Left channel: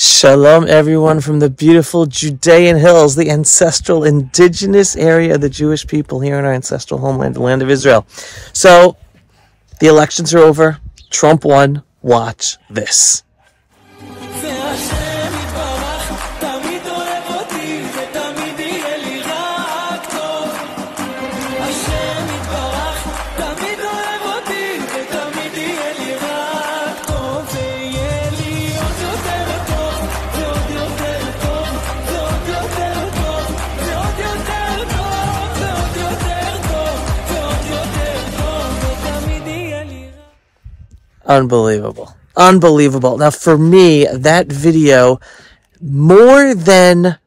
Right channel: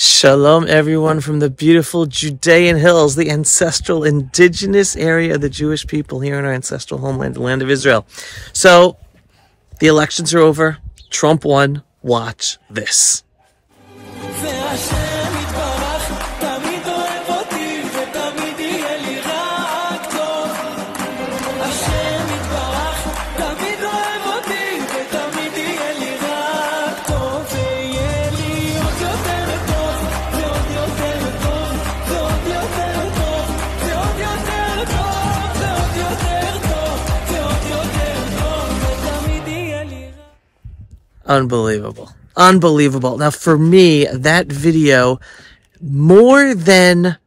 Shalom, everyone, from the beautiful Judean hills, the ancestral indigenous area of the Jewish people here in our ancestral homeland, the land of Israel. So, the elections are over. Trump won. Watch this. Unbelievable. Unbelievable. Now, for me, that video, more than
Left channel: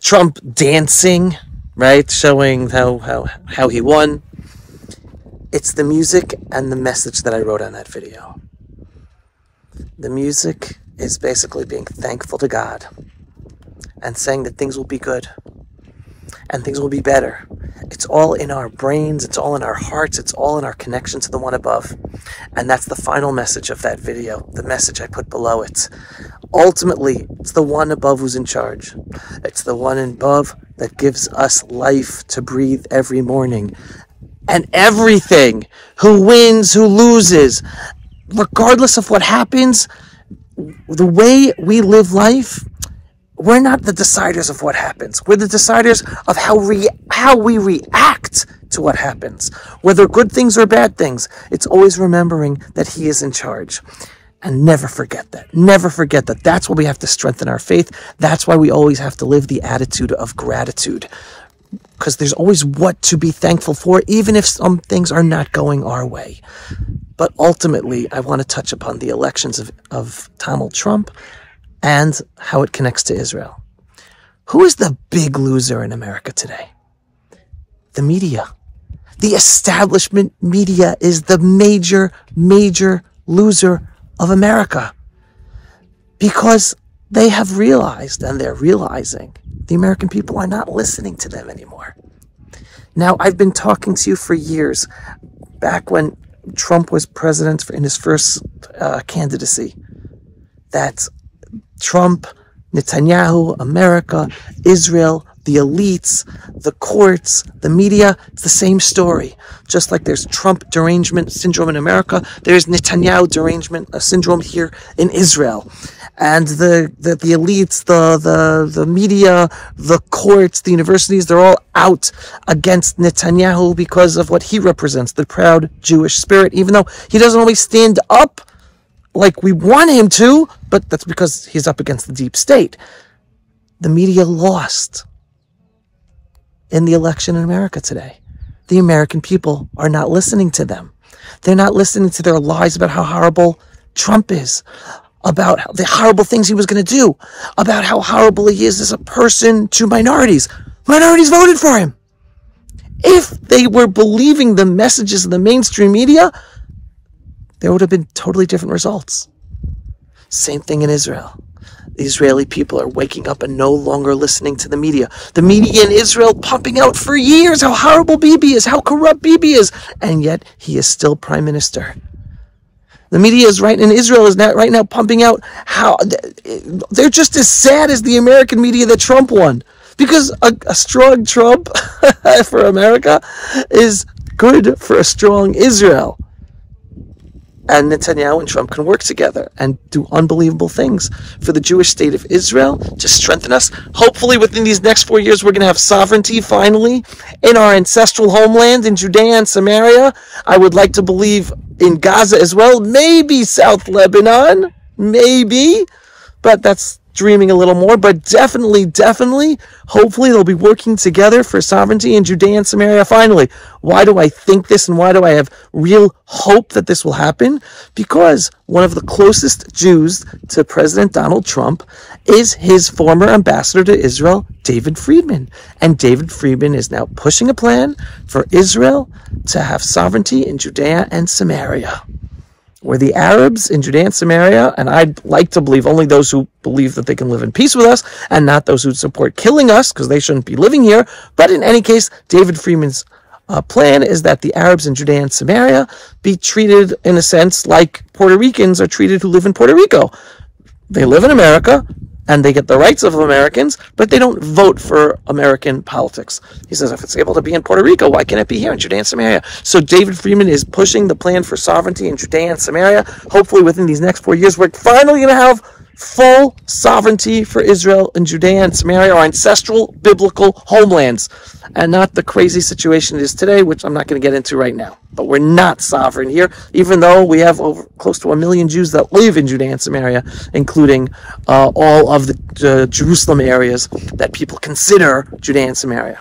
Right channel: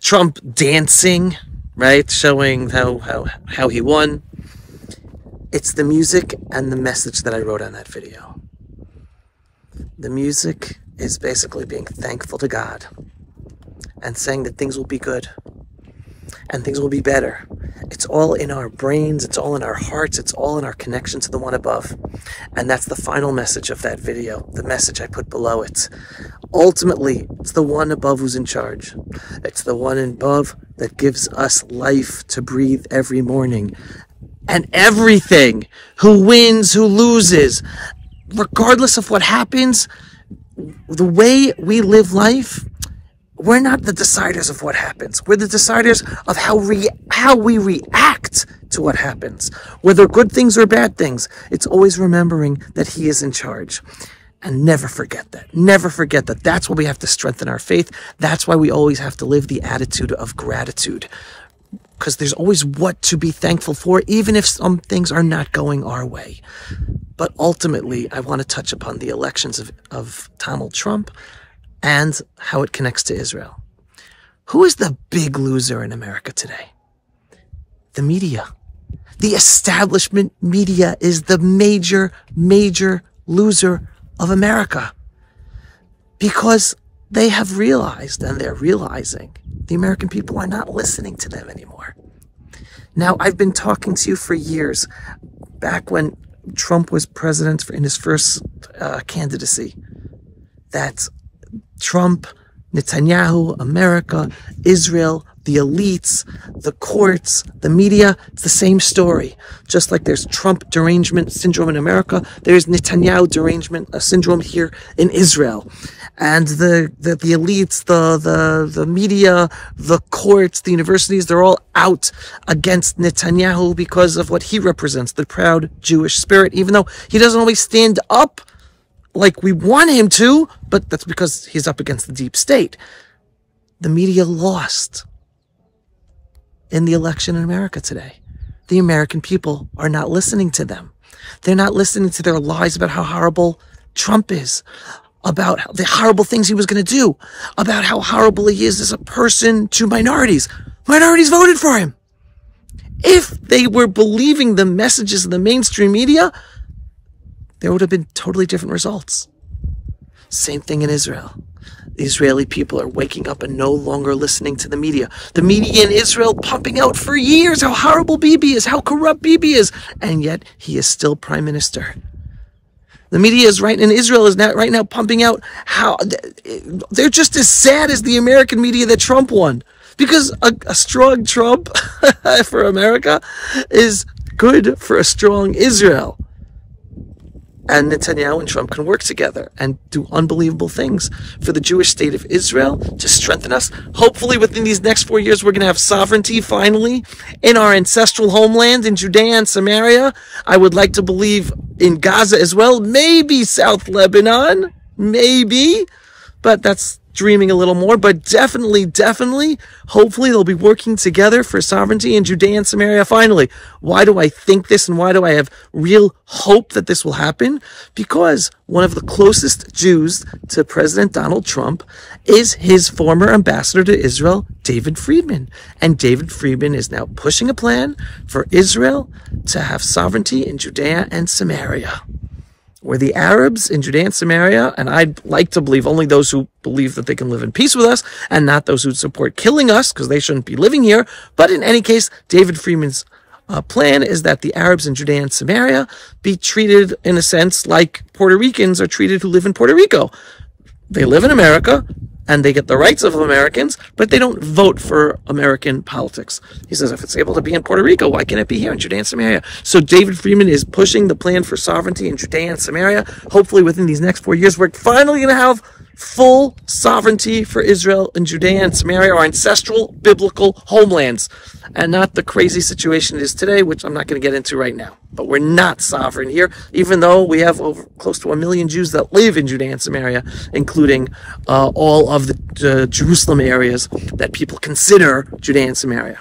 Trump dancing, right, showing how he won, it's the music and the message that I wrote on that video. The music is basically being thankful to God and saying that things will be good and things will be better. It's all in our brains, it's all in our hearts, it's all in our connection to the one above. And that's the final message of that video, the message I put below it. Ultimately, it's the one above who's in charge. It's the one above that gives us life to breathe every morning. And everything, who wins, who loses, regardless of what happens, the way we live life, we're not the deciders of what happens. We're the deciders of how we react to what happens. Whether good things or bad things, it's always remembering that He is in charge. And never forget that. Never forget that. That's why we have to strengthen our faith. That's why we always have to live the attitude of gratitude. Because there's always what to be thankful for, even if some things are not going our way. But ultimately, I want to touch upon the elections of Donald Trump and how it connects to Israel. Who is the big loser in America today? The media. The establishment media is the major loser of America. Because they have realized, and they're realizing, the American people are not listening to them anymore. Now, I've been talking to you for years, back when Trump was president in his first candidacy, that Trump, Netanyahu, America, Israel, the elites, the courts, the media, it's the same story. Just like there's Trump derangement syndrome in America, there's Netanyahu derangement syndrome here in Israel. And the elites, the media, the courts, the universities, they're all out against Netanyahu because of what he represents, the proud Jewish spirit, even though he doesn't always stand up like we want him to, but that's because he's up against the deep state. The media lost in the election in America today. The American people are not listening to them. They're not listening to their lies about how horrible Trump is, about the horrible things he was going to do, about how horrible he is as a person to minorities. Minorities voted for him. If they were believing the messages of the mainstream media, there would have been totally different results. Same thing in Israel. The Israeli people are waking up and no longer listening to the media. The media in Israel pumping out for years how horrible Bibi is, how corrupt Bibi is, and yet he is still prime minister. The media is right now pumping out how they're just as sad as the American media that Trump won. Because a strong Trump for America is good for a strong Israel. And Netanyahu and Trump can work together and do unbelievable things for the Jewish state of Israel to strengthen us. Hopefully within these next 4 years, we're going to have sovereignty finally in our ancestral homeland in Judea and Samaria. I would like to believe in Gaza as well. Maybe South Lebanon. Maybe. But that's dreaming a little more. But definitely, hopefully they'll be working together for sovereignty in Judea and Samaria finally. Why do I think this and why do I have real hope that this will happen? Because one of the closest Jews to President Donald Trump is his former ambassador to Israel, David Friedman. And David Friedman is now pushing a plan for Israel to have sovereignty in Judea and Samaria, where the Arabs in Judea and Samaria, and I'd like to believe only those who believe that they can live in peace with us and not those who support killing us because they shouldn't be living here. But in any case, David Friedman's plan is that the Arabs in Judea and Samaria be treated in a sense like Puerto Ricans are treated who live in Puerto Rico. They live in America, and they get the rights of Americans, but they don't vote for American politics. He says, if it's able to be in Puerto Rico, why can't it be here in Judea and Samaria? So David Friedman is pushing the plan for sovereignty in Judea and Samaria. Hopefully within these next 4 years, we're finally going to have full sovereignty for Israel and Judea and Samaria, our ancestral biblical homelands, and not the crazy situation it is today, which I'm not going to get into right now. But we're not sovereign here, even though we have close to 1 million Jews that live in Judea and Samaria, including all of the Jerusalem areas that people consider Judea and Samaria.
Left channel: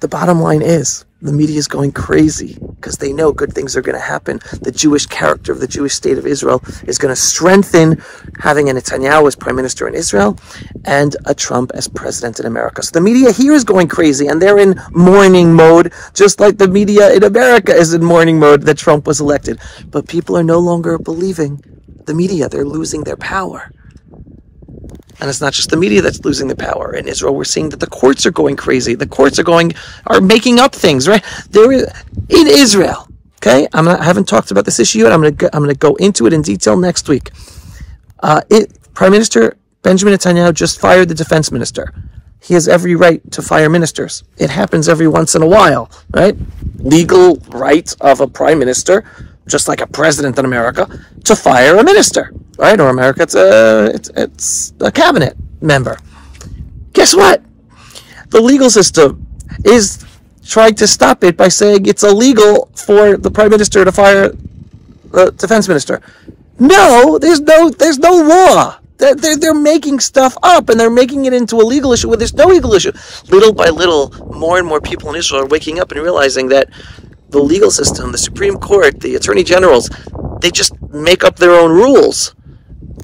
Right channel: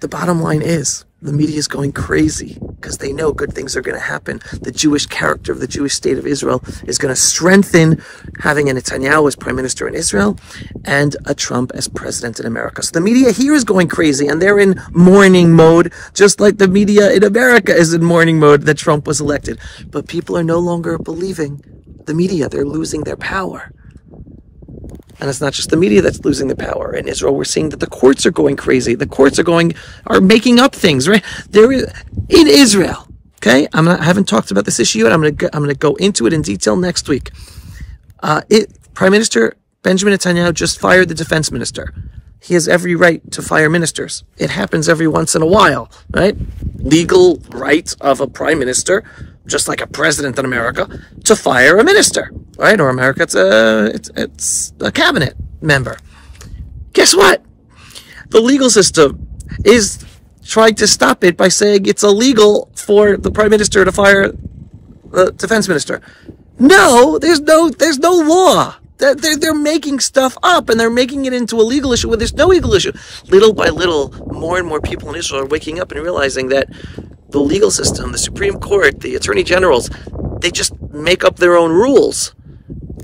The bottom line is, the media is going crazy because they know good things are going to happen. The Jewish character of the Jewish state of Israel is going to strengthen, having a Netanyahu as prime minister in Israel and a Trump as president in America. So the media here is going crazy, and they're in mourning mode, just like the media in America is in mourning mode that Trump was elected. But people are no longer believing the media. They're losing their power. And it's not just the media that's losing the power. In Israel, we're seeing that the courts are going crazy. The courts are making up things, right? In Israel, okay? I haven't talked about this issue yet. I'm going to go into it in detail next week. Prime Minister Benjamin Netanyahu just fired the defense minister. He has every right to fire ministers. It happens every once in a while, right? Legal right of a prime minister, just like a president in America, to fire a minister, right? Or America, it's a cabinet member. Guess what? The legal system is trying to stop it by saying it's illegal for the prime minister to fire the defense minister. No, there's no law. They're making stuff up, and they're making it into a legal issue where there's no legal issue. Little by little, more and more people in Israel are waking up and realizing that the legal system, the Supreme Court, the attorney generals, they just make up their own rules.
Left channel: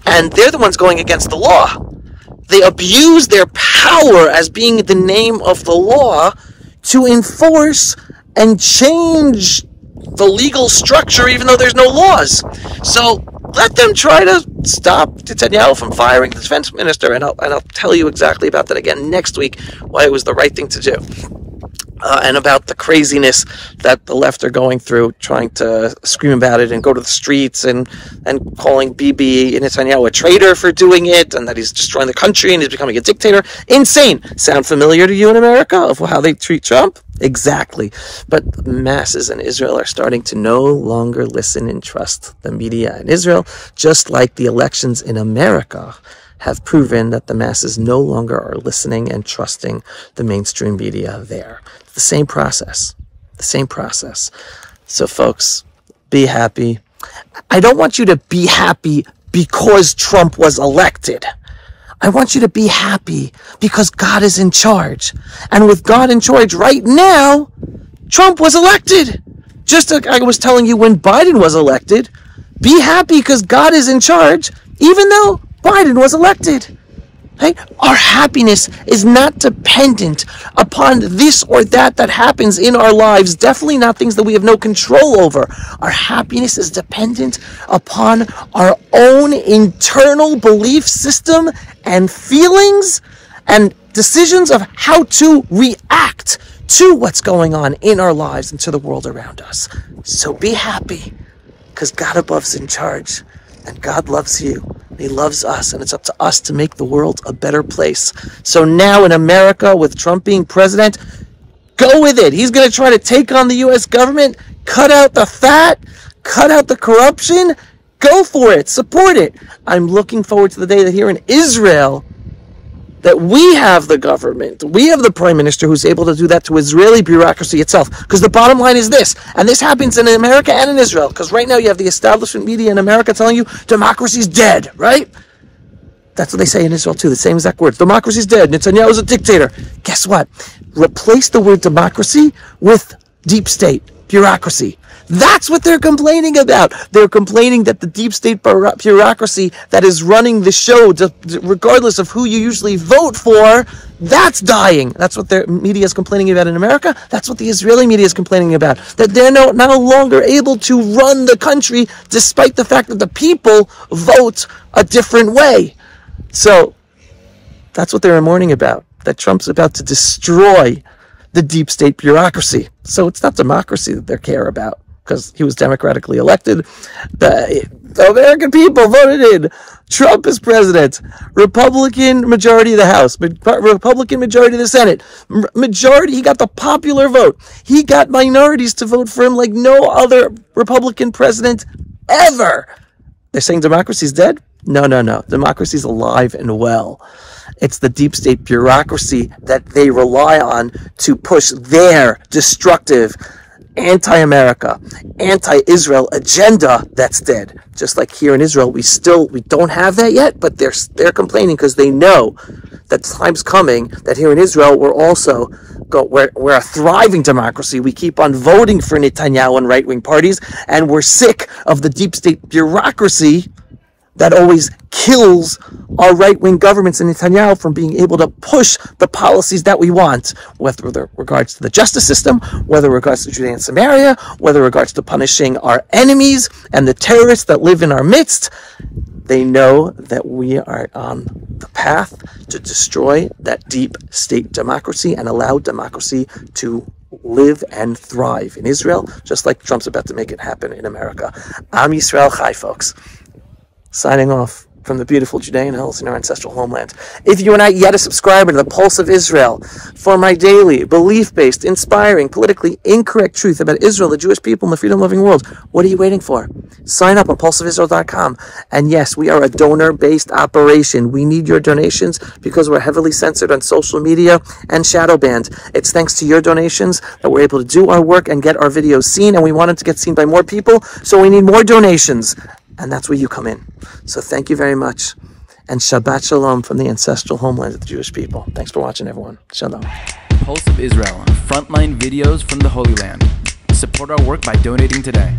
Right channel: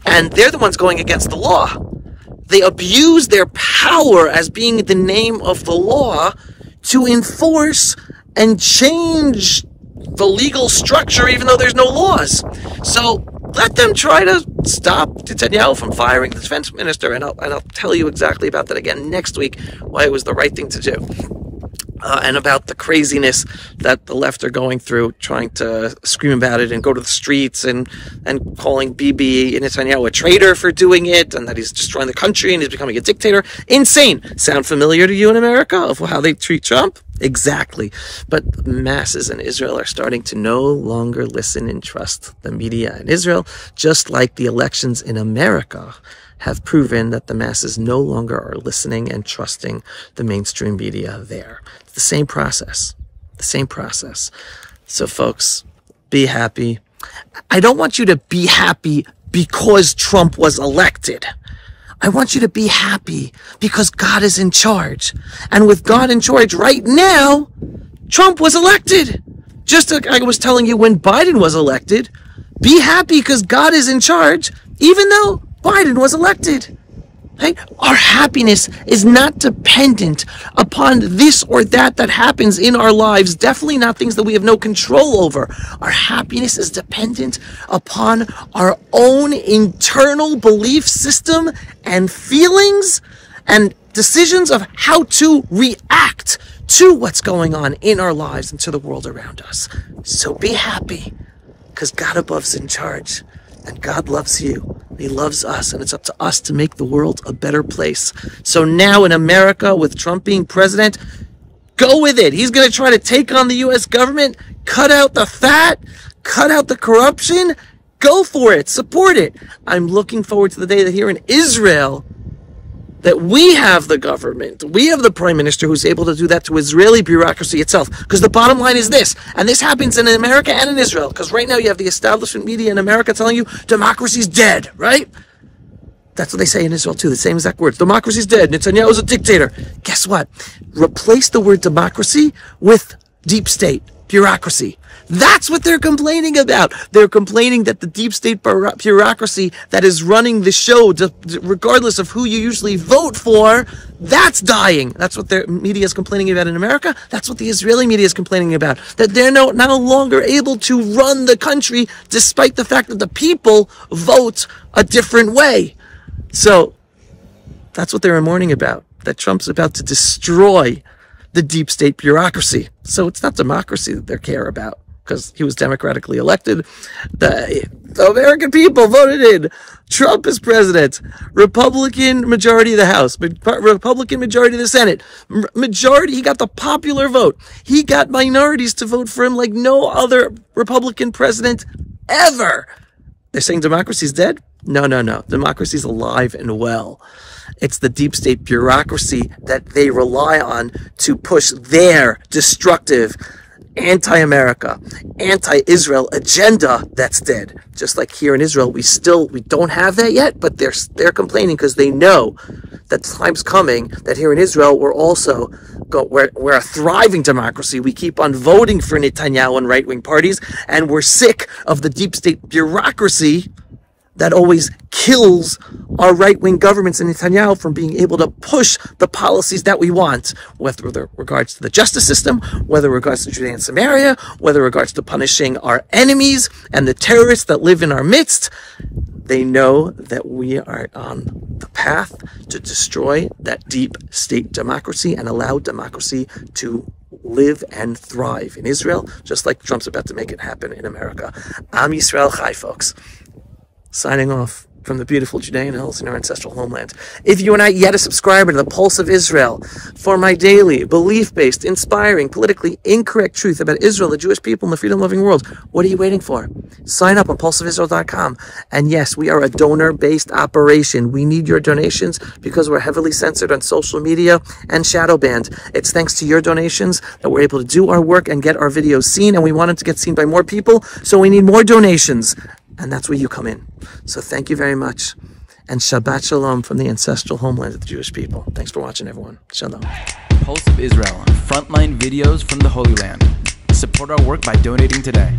And they're the ones going against the law. They abuse their power as being the name of the law to enforce and change the legal structure, even though there's no laws. So let them try to stop Netanyahu from firing the defense minister. And I'll tell you exactly about that again next week, why it was the right thing to do. And about the craziness that the left are going through, trying to scream about it and go to the streets and calling Bibi Netanyahu a traitor for doing it, and that he's destroying the country and he's becoming a dictator. Insane. Sound familiar to you in America of how they treat Trump? Exactly. But the masses in Israel are starting to no longer listen and trust the media in Israel, just like the elections in America have proven that the masses no longer are listening and trusting the mainstream media there. It's the same process. The same process. So folks, be happy. I don't want you to be happy because Trump was elected. I want you to be happy because God is in charge. And with God in charge right now, Trump was elected. Just like I was telling you when Biden was elected, be happy because God is in charge, even though Biden was elected. Right? Our happiness is not dependent upon this or that happens in our lives. Definitely not things that we have no control over. Our happiness is dependent upon our own internal belief system and feelings and decisions of how to react to what's going on in our lives and to the world around us. So be happy because God above is in charge. And God loves you. He loves us. And it's up to us to make the world a better place. So now in America, with Trump being president, go with it. He's going to try to take on the U.S. government, cut out the fat, cut out the corruption. Go for it. Support it. I'm looking forward to the day that here in Israel, that we have the government, we have the prime minister who's able to do that to Israeli bureaucracy itself. Because the bottom line is this, and this happens in America and in Israel, because right now you have the establishment media in America telling you democracy's dead, right? That's what they say in Israel too, the same exact words. Democracy's dead, Netanyahu's a dictator. Guess what? Replace the word democracy with deep state, bureaucracy. That's what they're complaining about. They're complaining that the deep state bureaucracy that is running the show, regardless of who you usually vote for, that's dying. That's what their media is complaining about in America. That's what the Israeli media is complaining about. That they're no longer able to run the country despite the fact that the people vote a different way. So that's what they're mourning about. That Trump's about to destroy the deep state bureaucracy. So it's not democracy that they care about, because he was democratically elected. The American people voted in Trump as president. Republican majority of the House. Republican majority of the Senate. Majority, he got the popular vote. He got minorities to vote for him like no other Republican president ever. They're saying democracy's dead? No, no, no. Democracy's alive and well. It's the deep state bureaucracy that they rely on to push their destructive anti-America, anti-Israel agenda that's dead. Just like here in Israel, we don't have that yet, but they're complaining because they know that time's coming that here in Israel we're a thriving democracy. We keep on voting for Netanyahu and right-wing parties, and we're sick of the deep state bureaucracy that always kills our right-wing governments and Netanyahu from being able to push the policies that we want, whether regards to the justice system, whether regards to Judea and Samaria, whether regards to punishing our enemies and the terrorists that live in our midst. They know that we are on the path to destroy that deep state democracy and allow democracy to live and thrive in Israel, just like Trump's about to make it happen in America. Am Yisrael Chai, folks. Signing off from the beautiful Judean hills in our ancestral homeland. If you are not yet a subscriber to the Pulse of Israel for my daily, belief-based, inspiring, politically incorrect truth about Israel, the Jewish people, and the freedom-loving world, what are you waiting for? Sign up on pulseofisrael.com. And yes, we are a donor-based operation. We need your donations because we're heavily censored on social media and shadow banned. It's thanks to your donations that we're able to do our work and get our videos seen, and we want it to get seen by more people, so we need more donations. And that's where you come in. So thank you very much. And Shabbat Shalom from the ancestral homeland of the Jewish people. Thanks for watching, everyone. Shalom. Pulse of Israel, frontline videos from the Holy Land. Support our work by donating today.